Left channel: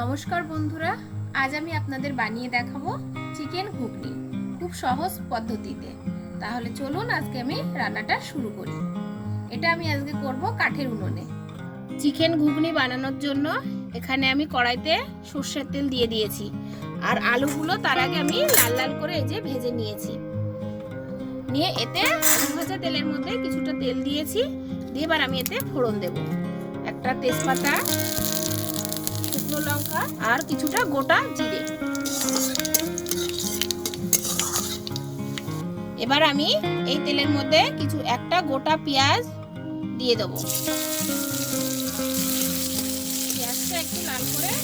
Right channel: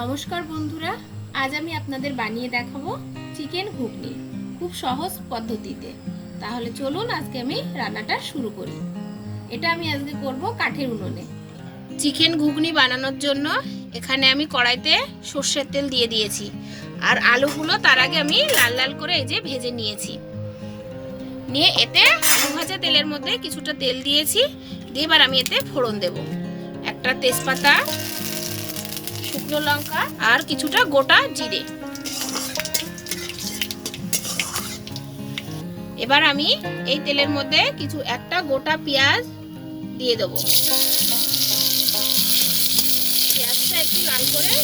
নমস্কার বন্ধুরা, আজ আমি আপনাদের বানিয়ে দেখাবো চিকেন ঘুগনি খুব সহজ পদ্ধতিতে। তাহলে চলুন আজকে আমি রান্নাটা শুরু করি। এটা আমি আজকে করব কাঠের উনুনে। চিকেন ঘুগনি বানানোর জন্য এখানে আমি কড়াইতে সর্ষের তেল দিয়ে দিয়েছি, আর আলুগুলো তার আগে আমি লাল লাল করে এই যে ভেজে নিয়েছি। নিয়ে এতে আলু ভাজা তেলের মধ্যে কিছুটা তেল দিয়েছি, দিয়ে এবার আমি এতে ফোড়ন দেব। একটা তেজপাতা শুকনো লঙ্কা আর কিছুটা গোটা জিরে। এবার আমি এই তেলের মধ্যে কিছু একটা গোটা পেঁয়াজ দিয়ে দেব। করে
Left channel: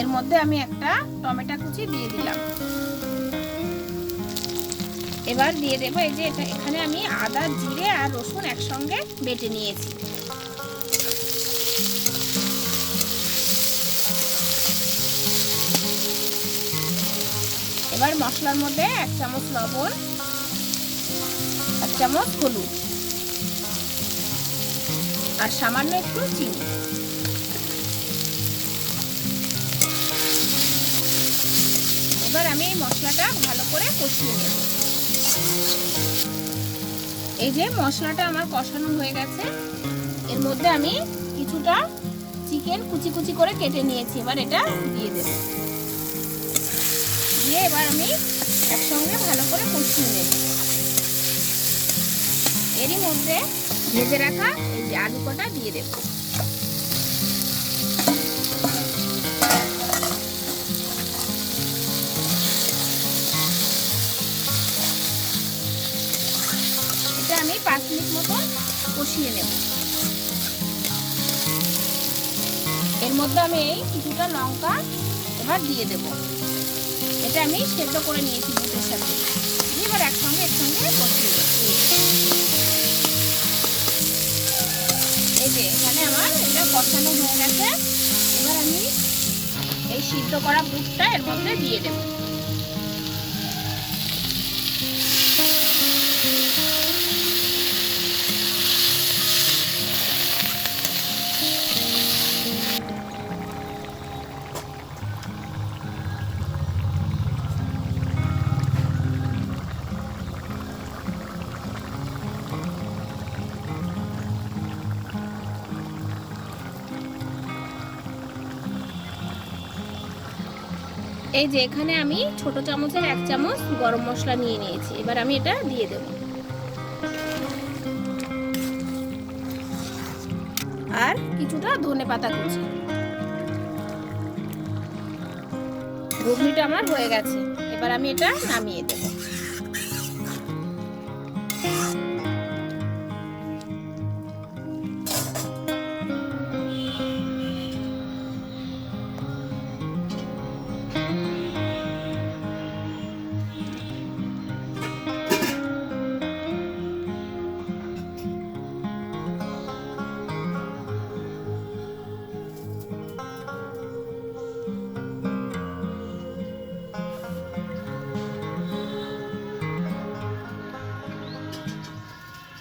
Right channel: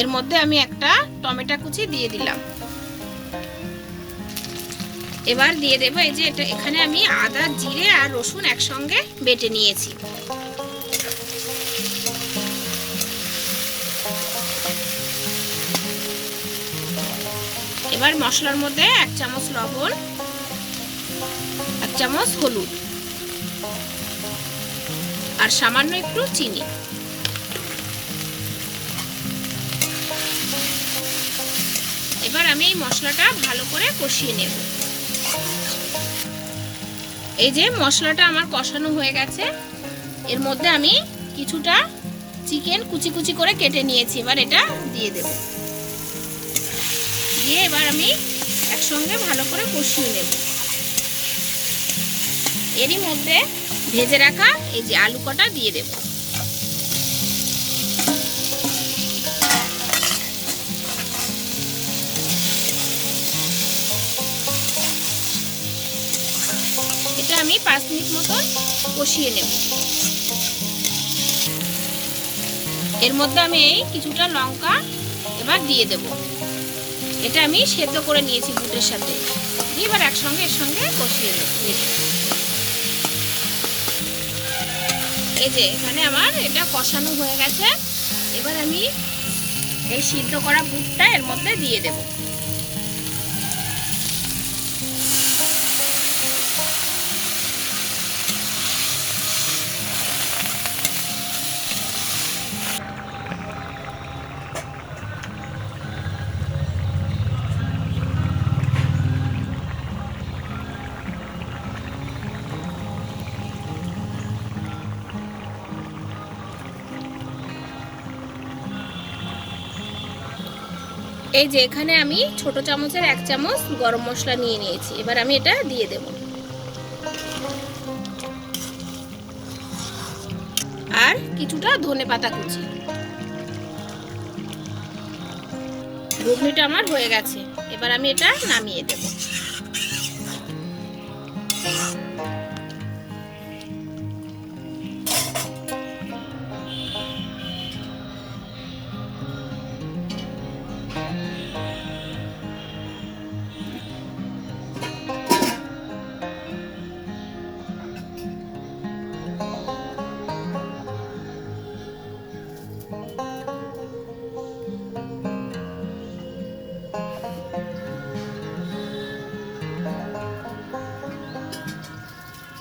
এর মধ্যে আমি একটা টমেটো কুচি দিয়ে দিলাম। এবার দিয়ে দেবো এই যে এটা, এখানে আমি আদা, জিরে আর রসুন একসঙ্গে বেটে নিয়েছি। এবার মশলার মধ্যে এক চামচ লবণ, এক চামচ হলুদ, আর সামান্য একটু চিনি। এবার আমি এই মশলাটা ভালো করে কষিয়ে নেব। এই যে মশলাটা আমার কষানো হয়ে গেছে, এর মধ্যে আমি কিছুটা চিকেন কুচি কুচি করে কেটে নিয়েছি, এবার এটা দিয়ে দেবো। দিয়ে এবার আমি একসঙ্গে ভালো করে কষিয়ে নেব। এরই মধ্যে ভেজে রাখা এই যে আলু কটা দিয়ে দেব। এটা আমি পাঁচ মিনিট মতন কষিয়ে নেব। এর মধ্যে আমি এই কিছুটা লঙ্কা এবার দিয়ে দেবো। এটা আমি সেদ্ধ করে নিয়েছি বুটের সাথে। এবার একসঙ্গে এর সঙ্গে দিচ্ছি এই যে এখানে আমার এটা কষানো হয়ে গেছে। এবার আমি এই সিদ্ধ করা বুটটা এর মধ্যে দিয়ে দেব। এই যে এখানে আমি ছোট চামচের এক চামচ গরম মশলা নিয়ে নিয়েছি। এবার আমি এটা দিয়ে দেব। আর কিছুটা ধনে পাতা কুচি। ঘুগনিটা আমার হয়ে গেছে। এবার আমি এটা নামিয়ে দেব।